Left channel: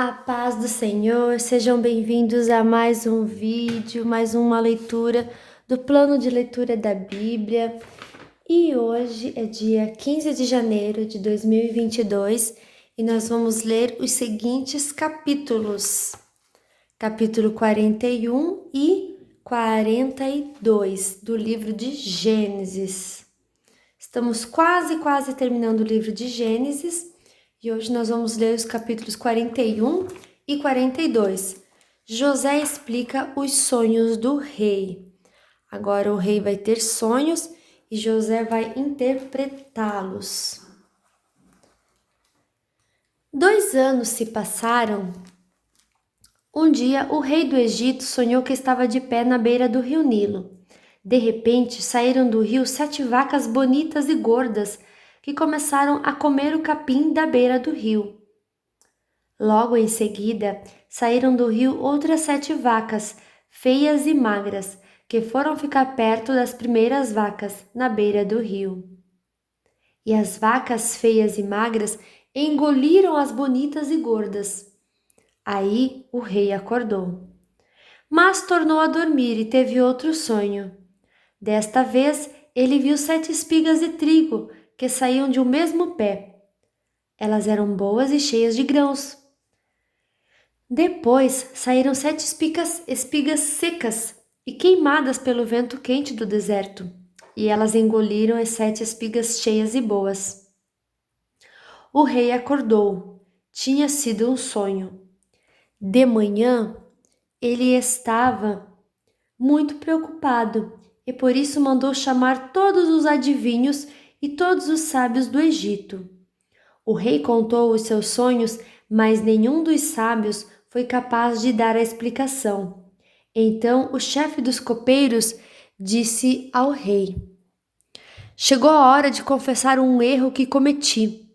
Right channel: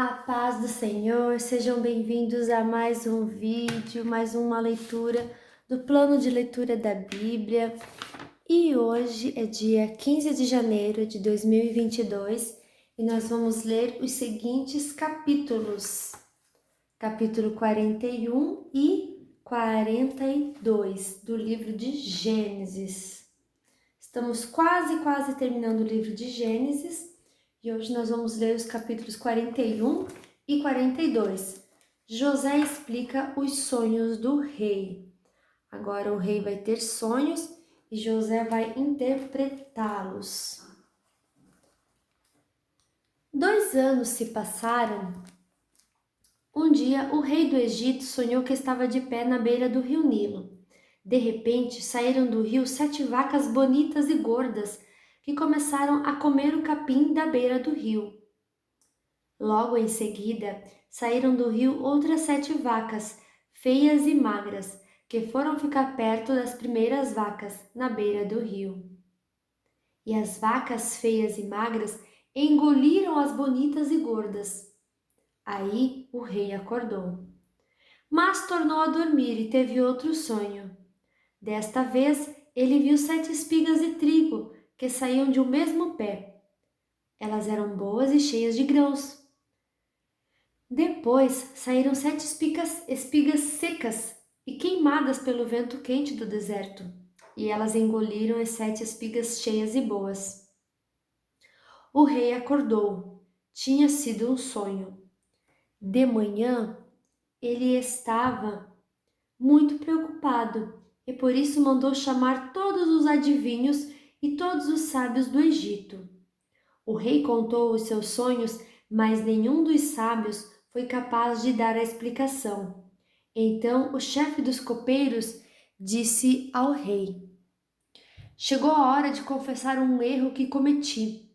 A paz do Senhor, sejam bem-vindos a mais um vídeo, mais uma leitura do plano de leitura da Bíblia. E hoje é dia 15 de janeiro de 2022 e nós vamos ler os seguintes capítulos: capítulo 41 e 42 do livro de Gênesis. Estamos quase terminando o livro de Gênesis. E hoje nós vamos ler os capítulos 41 e 42. José explica os sonhos do rei. Agora o rei vai ter sonhos e José vai interpretá-los. 2 anos se passaram. Um dia o rei do Egito sonhou que estava de pé na beira do rio Nilo. De repente saíram do rio 7 vacas bonitas e gordas que começaram a comer o capim da beira do rio. Logo em seguida, saíram do rio outras 7 vacas, feias e magras, que foram ficar perto das primeiras vacas, na beira do rio. E as vacas feias e magras engoliram as bonitas e gordas. Aí o rei acordou. Mas tornou a dormir e teve outro sonho. Desta vez, ele viu 7 espigas de trigo que saíam de um mesmo pé. Elas eram boas e cheias de grãos. Depois saíram 7 espigas secas e queimadas pelo vento quente do deserto, e elas engoliram as 7 espigas cheias e boas. O rei acordou. Tinha sido um sonho. De manhã, ele estava muito preocupado e por isso mandou chamar todos os adivinhos e todos os sábios do Egito. O rei contou os seus sonhos, mas nenhum dos sábios foi capaz de dar a explicação. Então o chefe dos copeiros disse ao rei: Chegou a hora de confessar um erro que cometi.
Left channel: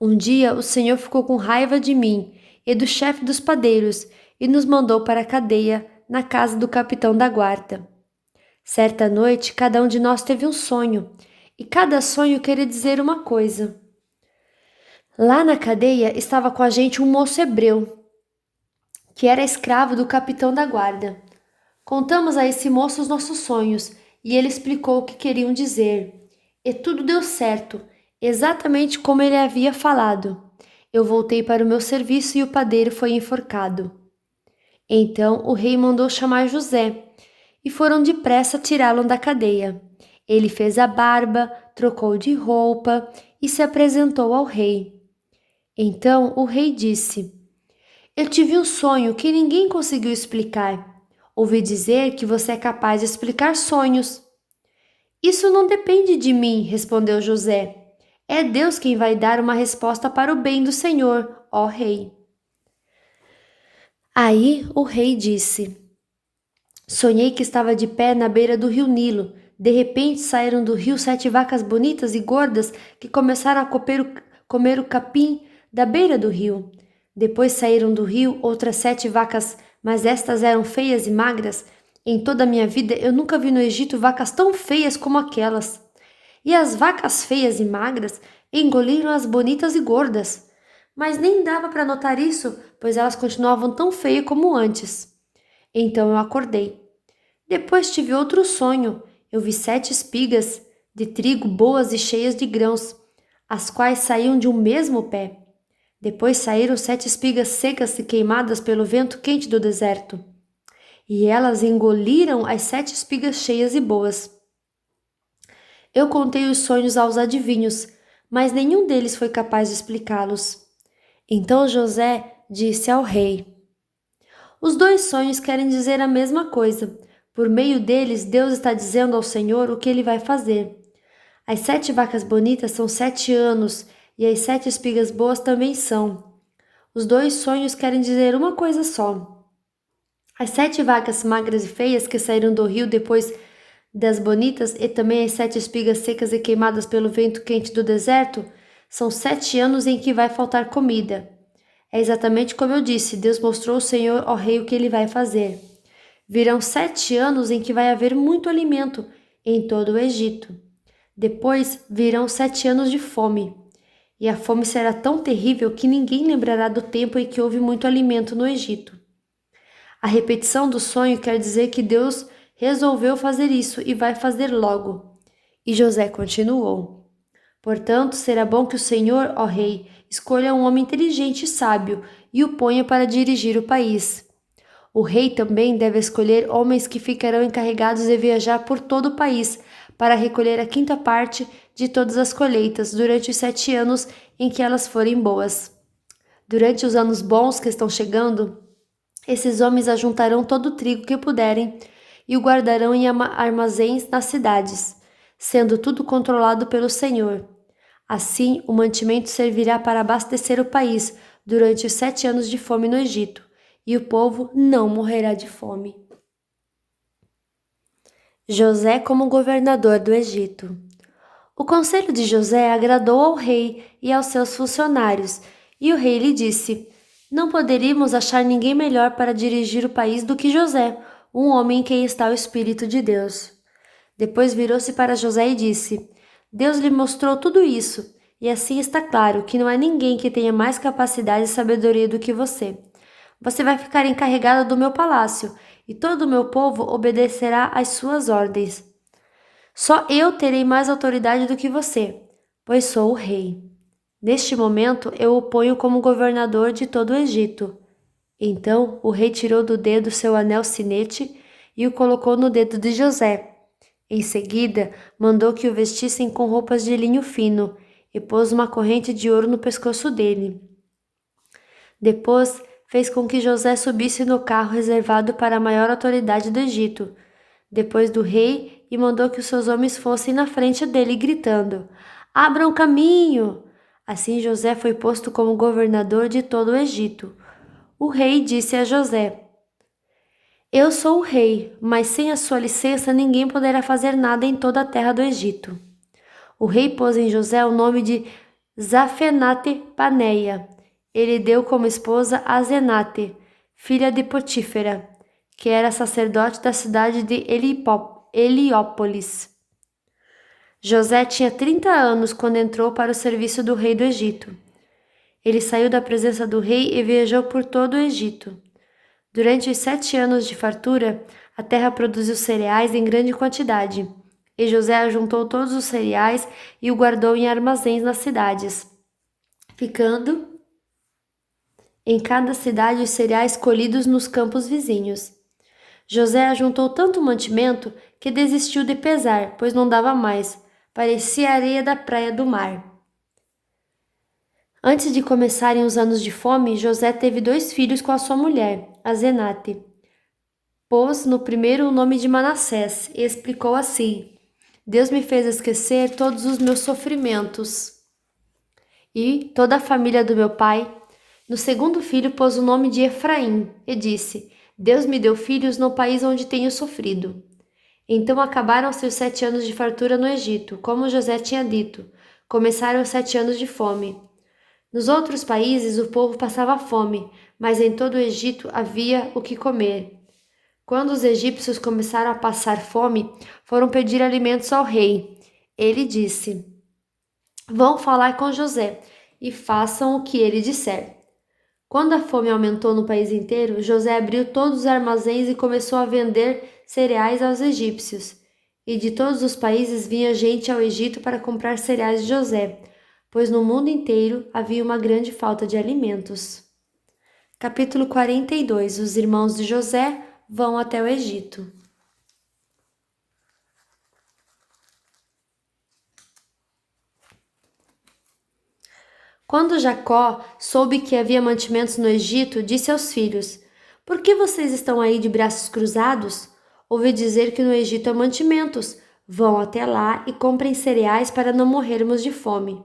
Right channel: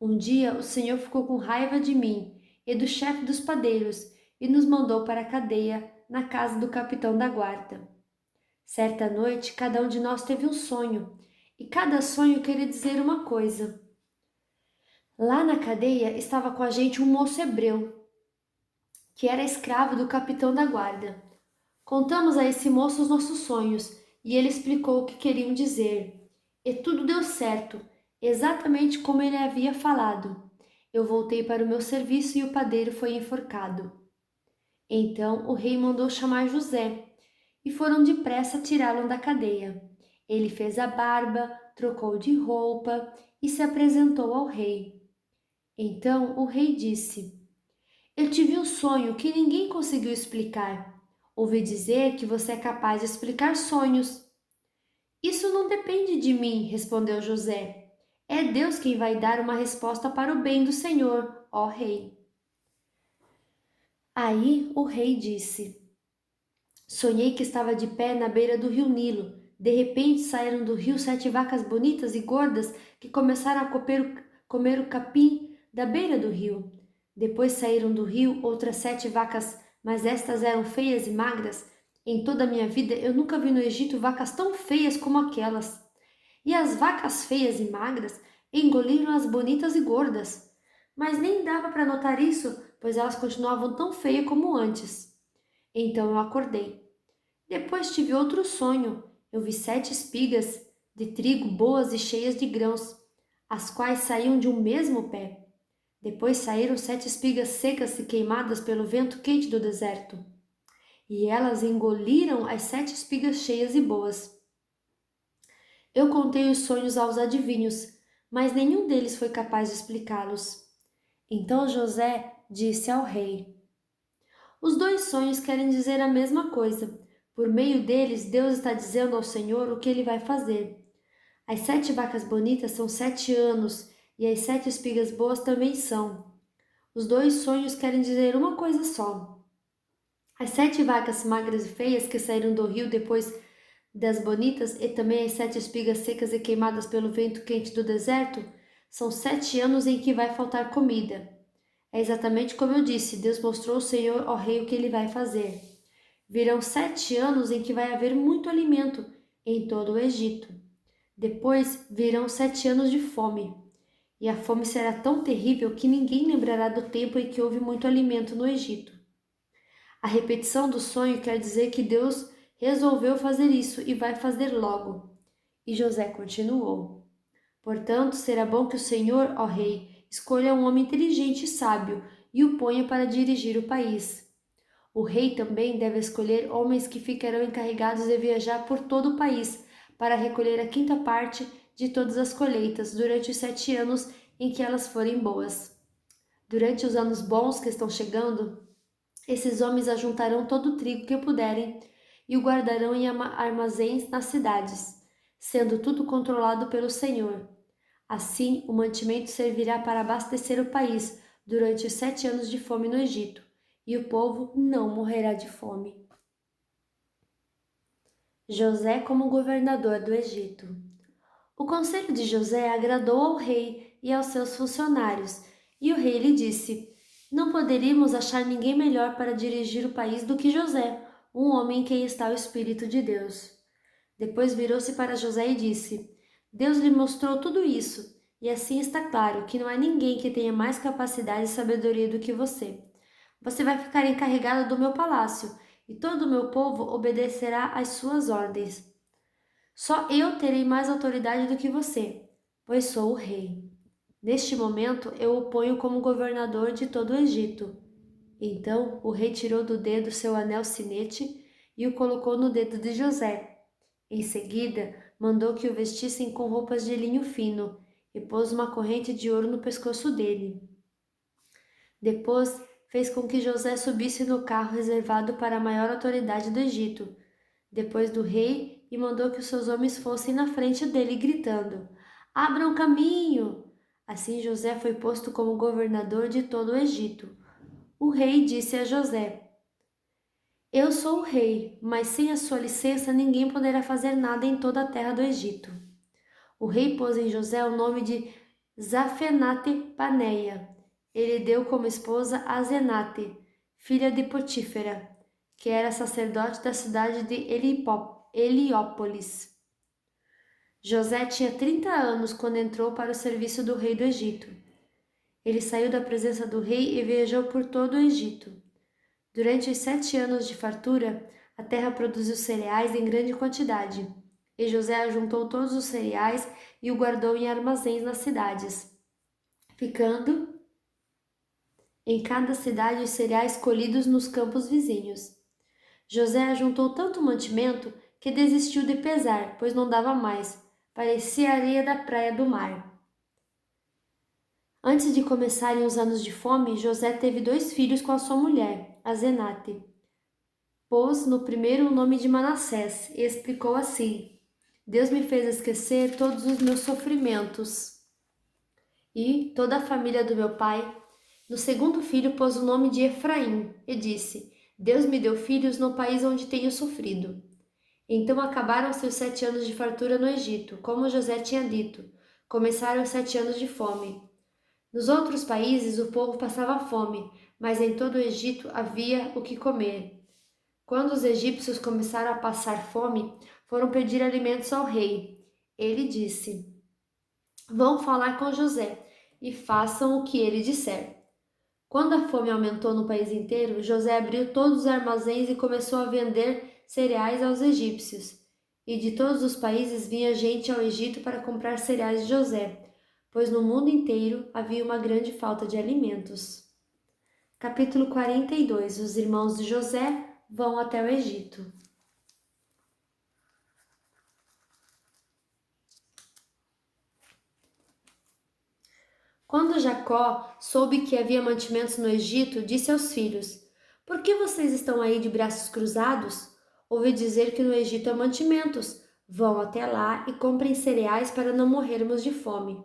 Um dia o Senhor ficou com raiva de mim e do chefe dos padeiros e nos mandou para a cadeia na casa do capitão da guarda. Certa noite, cada um de nós teve um sonho, e cada sonho queria dizer uma coisa. Lá na cadeia estava com a gente um moço hebreu, que era escravo do capitão da guarda. Contamos a esse moço os nossos sonhos e ele explicou o que queriam dizer. E tudo deu certo, exatamente como ele havia falado. Eu voltei para o meu serviço e o padeiro foi enforcado. Então o rei mandou chamar José e foram depressa tirá-lo da cadeia. Ele fez a barba, trocou de roupa e se apresentou ao rei. Então o rei disse: Eu tive um sonho que ninguém conseguiu explicar. Ouvi dizer que você é capaz de explicar sonhos. Isso não depende de mim, respondeu José. É Deus quem vai dar uma resposta para o bem do Senhor, ó rei. Aí o rei disse: Sonhei que estava de pé na beira do rio Nilo. De repente saíram do rio 7 vacas bonitas e gordas que começaram a comer o capim da beira do rio. Depois saíram do rio outras 7 vacas, mas estas eram feias e magras. Em toda a minha vida eu nunca vi no Egito vacas tão feias como aquelas. E as vacas feias e magras engoliram as bonitas e gordas. Mas nem dava para notar isso, pois elas continuavam tão feias como antes. Então eu acordei. Depois tive outro sonho. Eu vi 7 espigas de trigo boas e cheias de grãos, as quais saíam de um mesmo pé. Depois saíram 7 espigas secas e queimadas pelo vento quente do deserto. E elas engoliram as 7 espigas cheias e boas. Eu contei os sonhos aos adivinhos, mas nenhum deles foi capaz de explicá-los. Então José disse ao rei: Os 2 sonhos querem dizer a mesma coisa. Por meio deles, Deus está dizendo ao Senhor o que ele vai fazer. As 7 vacas bonitas são 7 anos, e as 7 espigas boas também são. Os 2 sonhos querem dizer uma coisa só. As 7 vacas magras e feias que saíram do rio depois das bonitas e também as 7 espigas secas e queimadas pelo vento quente do deserto são 7 anos em que vai faltar comida. É exatamente como eu disse, Deus mostrou ao Senhor, ó rei, o que ele vai fazer. Virão 7 anos em que vai haver muito alimento em todo o Egito. Depois virão 7 anos de fome. e a fome será tão terrível que ninguém lembrará do tempo em que houve muito alimento no Egito. A repetição do sonho quer dizer que Deus resolveu fazer isso e vai fazer logo. E José continuou: Portanto, será bom que o Senhor, ó rei, escolha um homem inteligente e sábio e o ponha para dirigir o país. O rei também deve escolher homens que ficarão encarregados de viajar por todo o país para recolher a quinta parte de todas as colheitas durante os 7 anos em que elas forem boas. Durante os anos bons que estão chegando, esses homens ajuntarão todo o trigo que puderem e o guardarão em armazéns nas cidades, sendo tudo controlado pelo Senhor. Assim, o mantimento servirá para abastecer o país durante os 7 anos de fome no Egito, e o povo não morrerá de fome. José como governador do Egito. O conselho de José agradou ao rei e aos seus funcionários, e o rei lhe disse: Não poderíamos achar ninguém melhor para dirigir o país do que José, um homem em quem está o Espírito de Deus. Depois virou-se para José e disse: Deus lhe mostrou tudo isso, e assim está claro que não há ninguém que tenha mais capacidade e sabedoria do que você. Você vai ficar encarregado do meu palácio, e todo o meu povo obedecerá às suas ordens. Só eu terei mais autoridade do que você, pois sou o rei. Neste momento eu o ponho como governador de todo o Egito. Então o rei tirou do dedo seu anel sinete e o colocou no dedo de José. Em seguida, mandou que o vestissem com roupas de linho fino e pôs uma corrente de ouro no pescoço dele. Depois, fez com que José subisse no carro reservado para a maior autoridade do Egito, depois do rei, e mandou que os seus homens fossem na frente dele, gritando: Abram caminho! Assim José foi posto como governador de todo o Egito. O rei disse a José: Eu sou o rei, mas sem a sua licença ninguém poderá fazer nada em toda a terra do Egito. O rei pôs em José o nome de Zafenate-Paneia. Ele deu como esposa a Zenate, filha de Potífera, que era sacerdote da cidade de Heliópolis. José tinha 30 anos quando entrou para o serviço do rei do Egito. Ele saiu da presença do rei e viajou por todo o Egito. Durante os 7 anos de fartura, a terra produziu cereais em grande quantidade, e José ajuntou todos os cereais e o guardou em armazéns nas cidades, ficando em cada cidade os cereais colhidos nos campos vizinhos. José ajuntou tanto mantimento que desistiu de pesar, pois não dava mais, parecia a areia da praia do mar. Antes de começarem os anos de fome, José teve 2 filhos com a sua mulher, a Zenate. Pôs no primeiro o nome de Manassés e explicou assim: Deus me fez esquecer todos os meus sofrimentos e toda a família do meu pai. No segundo filho pôs o nome de Efraim e disse: Deus me deu filhos no país onde tenho sofrido. Então acabaram-se os 7 anos de fartura no Egito, como José tinha dito. Começaram os 7 anos de fome. Nos outros países o povo passava fome, mas em todo o Egito havia o que comer. Quando os egípcios começaram a passar fome, foram pedir alimentos ao rei. Ele disse: Vão falar com José e façam o que ele disser. Quando a fome aumentou no país inteiro, José abriu todos os armazéns e começou a vender cereais aos egípcios. E de todos os países vinha gente ao Egito para comprar cereais de José, pois no mundo inteiro havia uma grande falta de alimentos. Capítulo 42. Os irmãos de José vão até o Egito. Quando Jacó soube que havia mantimentos no Egito, disse aos filhos: Por que vocês estão aí de braços cruzados? Ouvi dizer que no Egito há mantimentos. Vão até lá e comprem cereais para não morrermos de fome.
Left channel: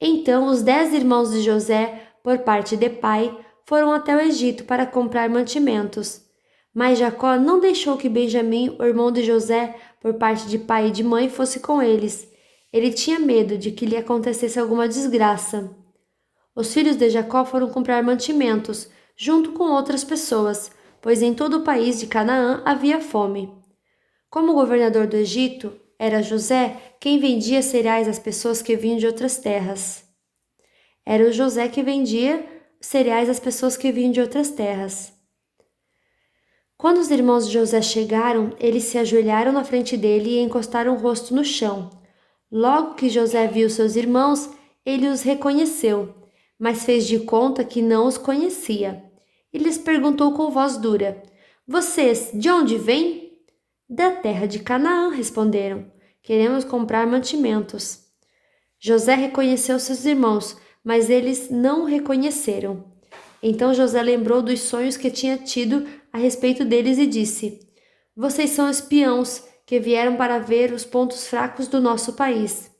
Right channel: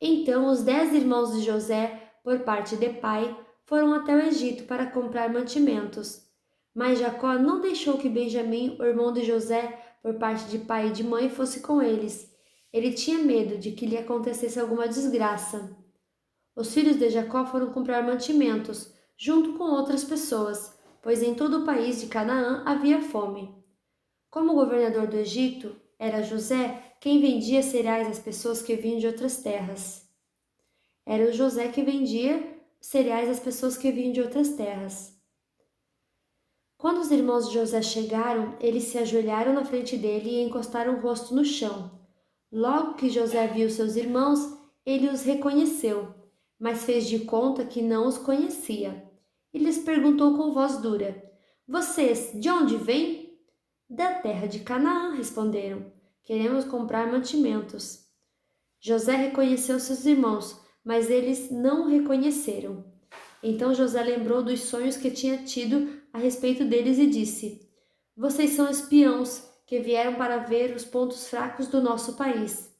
Então os 10 irmãos de José, por parte de pai, foram até o Egito para comprar mantimentos. Mas Jacó não deixou que Benjamim, o irmão de José, por parte de pai e de mãe, fosse com eles. Ele tinha medo de que lhe acontecesse alguma desgraça. Os filhos de Jacó foram comprar mantimentos, junto com outras pessoas, pois em todo o país de Canaã havia fome. Como governador do Egito, era José quem vendia cereais às pessoas que vinham de outras terras. Era o José que vendia cereais às pessoas que vinham de outras terras. Quando os irmãos de José chegaram, eles se ajoelharam na frente dele e encostaram o rosto no chão. Logo que José viu seus irmãos, ele os reconheceu, mas fez de conta que não os conhecia. E lhes perguntou com voz dura: Vocês, de onde vêm? Da terra de Canaã, responderam. Queremos comprar mantimentos. José reconheceu seus irmãos, mas eles não o reconheceram. Então José lembrou dos sonhos que tinha tido a respeito deles e disse: Vocês são espiãos que vieram para ver os pontos fracos do nosso país.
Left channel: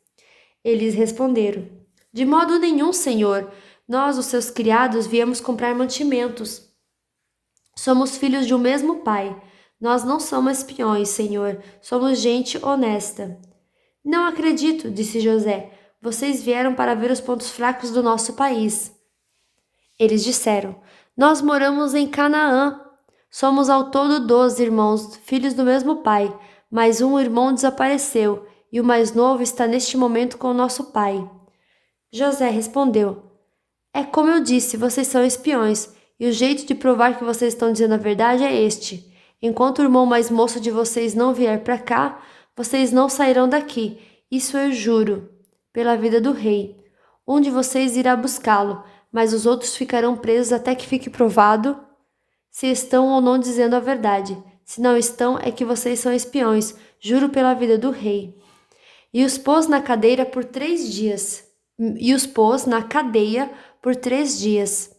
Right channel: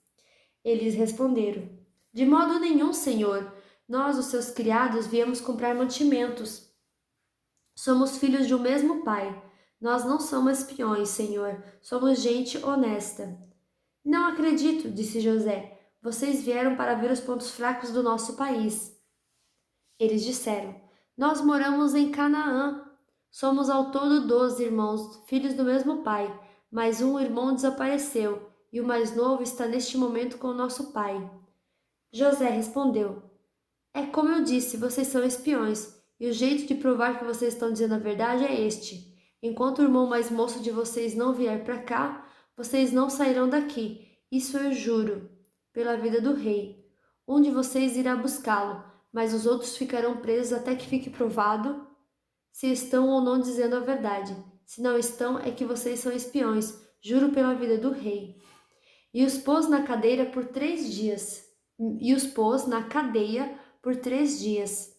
Eles responderam: De modo nenhum, senhor. Nós, os seus criados, viemos comprar mantimentos. Somos filhos de um mesmo pai. Nós não somos espiões, senhor. Somos gente honesta. Não acredito, disse José. Vocês vieram para ver os pontos fracos do nosso país. Eles disseram: Nós moramos em Canaã. Somos ao todo 12 irmãos, filhos do mesmo pai, mas um irmão desapareceu e o mais novo está neste momento com o nosso pai. José respondeu: É como eu disse, vocês são espiões, e o jeito de provar que vocês estão dizendo a verdade é este. Enquanto o irmão mais moço de vocês não vier para cá, vocês não sairão daqui. Isso eu juro, pela vida do rei. Um de vocês irá buscá-lo, mas os outros ficarão presos até que fique provado se estão ou não dizendo a verdade. Se não estão, é que vocês são espiões, juro pela vida do rei. E os pôs na cadeira por 3 dias. E os pôs na cadeia por 3 dias.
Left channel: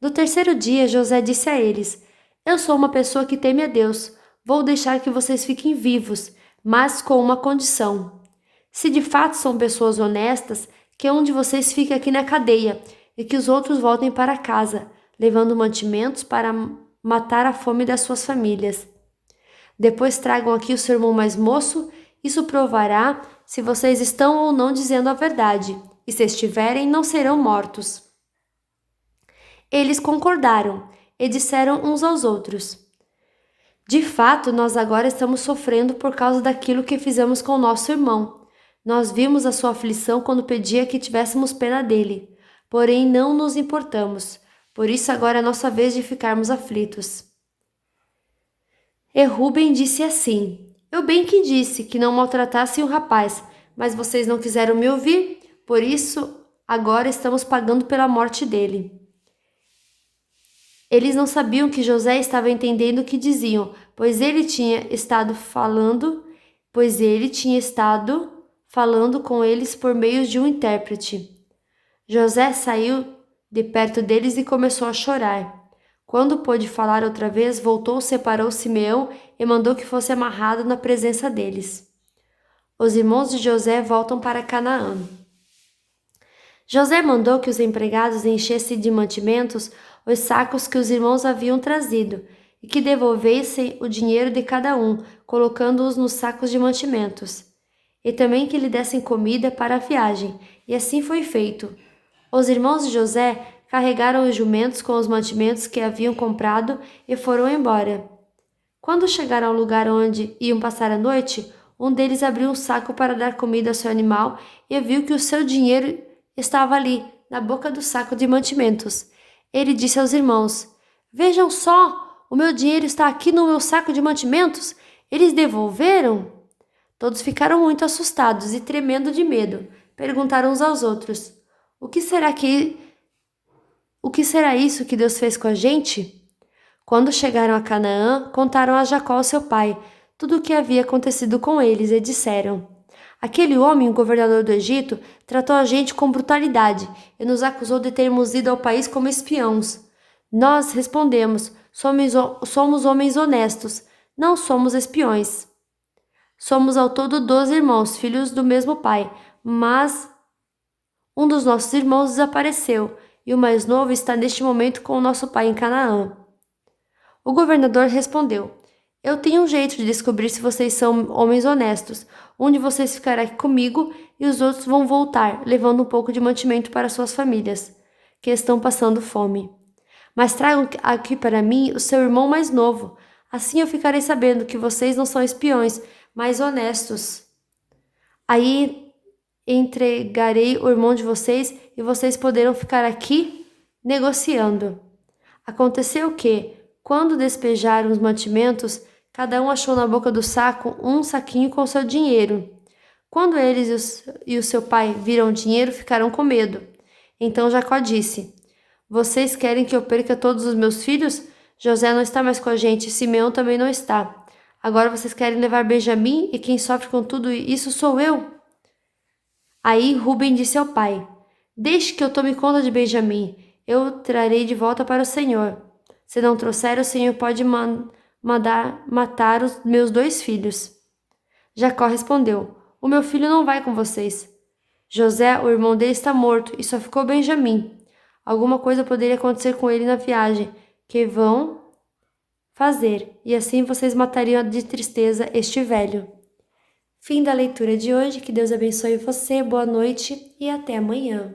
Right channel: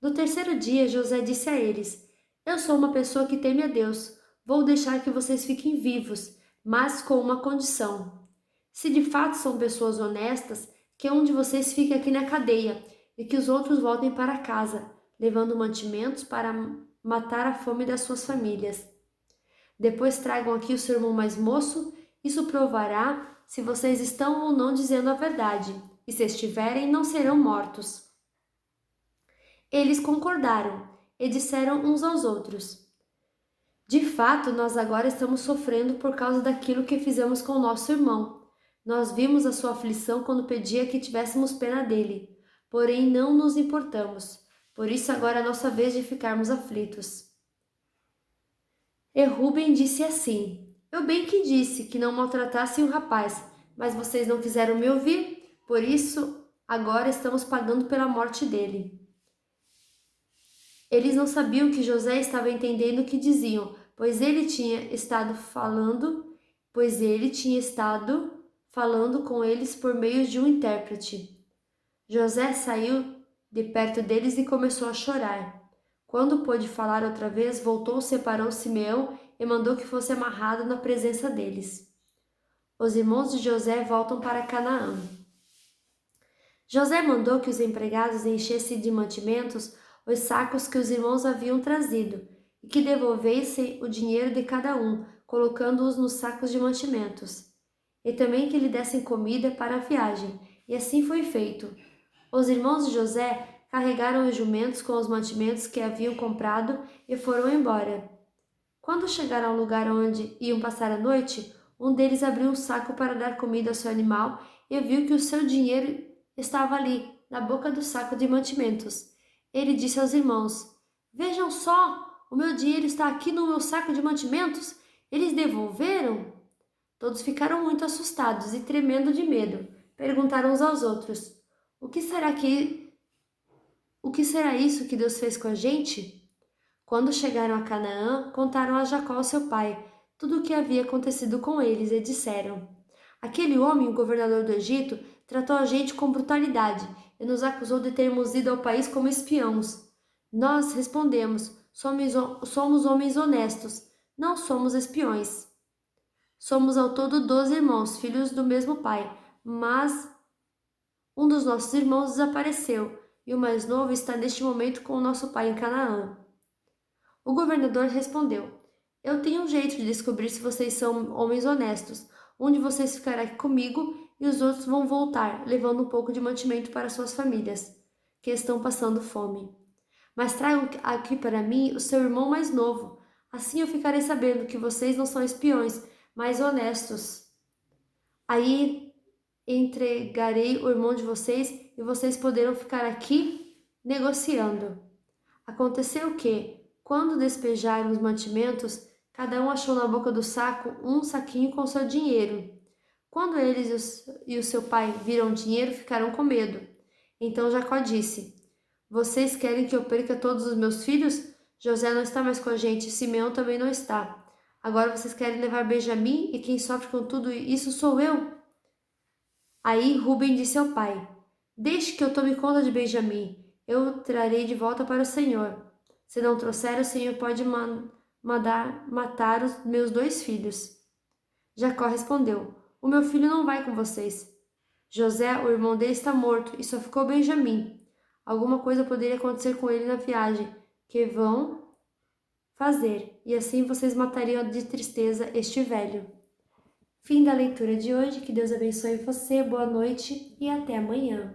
No terceiro dia, José disse a eles: Eu sou uma pessoa que teme a Deus. Vou deixar que vocês fiquem vivos, mas com uma condição. Se de fato são pessoas honestas, que um de vocês fique aqui na cadeia e que os outros voltem para casa, levando mantimentos para matar a fome das suas famílias. Depois tragam aqui o seu irmão mais moço, isso provará se vocês estão ou não dizendo a verdade, e se estiverem, não serão mortos. Eles concordaram e disseram uns aos outros: De fato, nós agora estamos sofrendo por causa daquilo que fizemos com o nosso irmão. Nós vimos a sua aflição quando pedia que tivéssemos pena dele, porém não nos importamos. Por isso agora é nossa vez de ficarmos aflitos. E Rúben disse assim: Eu bem que disse que não maltratassem o rapaz, mas vocês não quiseram me ouvir, por isso agora estamos pagando pela morte dele. Eles não sabiam que José estava entendendo o que diziam, pois ele tinha estado falando com eles por meio de um intérprete. José saiu de perto deles e começou a chorar. Quando pôde falar outra vez, voltou, separou Simeão e mandou que fosse amarrado na presença deles. Os irmãos de José voltam para Canaã. José mandou que os empregados enchessem de mantimentos os sacos que os irmãos haviam trazido e que devolvessem o dinheiro de cada um, colocando-os nos sacos de mantimentos. E também que lhe dessem comida para a viagem, e assim foi feito. Os irmãos de José carregaram os jumentos com os mantimentos que haviam comprado e foram embora. Quando chegaram ao lugar onde iam passar a noite, um deles abriu um saco para dar comida ao seu animal e viu que o seu dinheiro estava ali, na boca do saco de mantimentos. Ele disse aos irmãos: Vejam só, o meu dinheiro está aqui no meu saco de mantimentos. Eles devolveram? Todos ficaram muito assustados e tremendo de medo. Perguntaram uns aos outros: O que será isso que Deus fez com a gente? Quando chegaram a Canaã, contaram a Jacó, seu pai, tudo o que havia acontecido com eles e disseram: Aquele homem, o governador do Egito, tratou a gente com brutalidade e nos acusou de termos ido ao país como espiãos. Nós respondemos: somos homens honestos, não somos espiões. Somos ao todo 12 irmãos, filhos do mesmo pai, mas um dos nossos irmãos desapareceu e o mais novo está neste momento com o nosso pai em Canaã. O governador respondeu: Eu tenho um jeito de descobrir se vocês são homens honestos. Um de vocês ficará aqui comigo e os outros vão voltar, levando um pouco de mantimento para suas famílias, que estão passando fome. Mas tragam aqui para mim o seu irmão mais novo. Assim eu ficarei sabendo que vocês não são espiões, mas honestos. Aí entregarei o irmão de vocês e vocês poderão ficar aqui negociando. Aconteceu que, quando despejaram os mantimentos, cada um achou na boca do saco um saquinho com seu dinheiro. Quando eles e o seu pai viram o dinheiro, ficaram com medo. Então Jacó disse: Vocês querem que eu perca todos os meus filhos? José não está mais com a gente, Simeão também não está. Agora vocês querem levar Benjamim e quem sofre com tudo isso sou eu? Aí Ruben disse ao pai: Deixe que eu tome conta de Benjamim. Eu o trarei de volta para o Senhor. Se não trouxer, o Senhor pode mandar matar os meus 2 filhos. Jacó respondeu: O meu filho não vai com vocês. José, o irmão dele, está morto e só ficou Benjamim. Alguma coisa poderia acontecer com ele na viagem que vão fazer, e assim vocês matariam de tristeza este velho. Fim da leitura de hoje. Que Deus abençoe você, boa noite e até amanhã.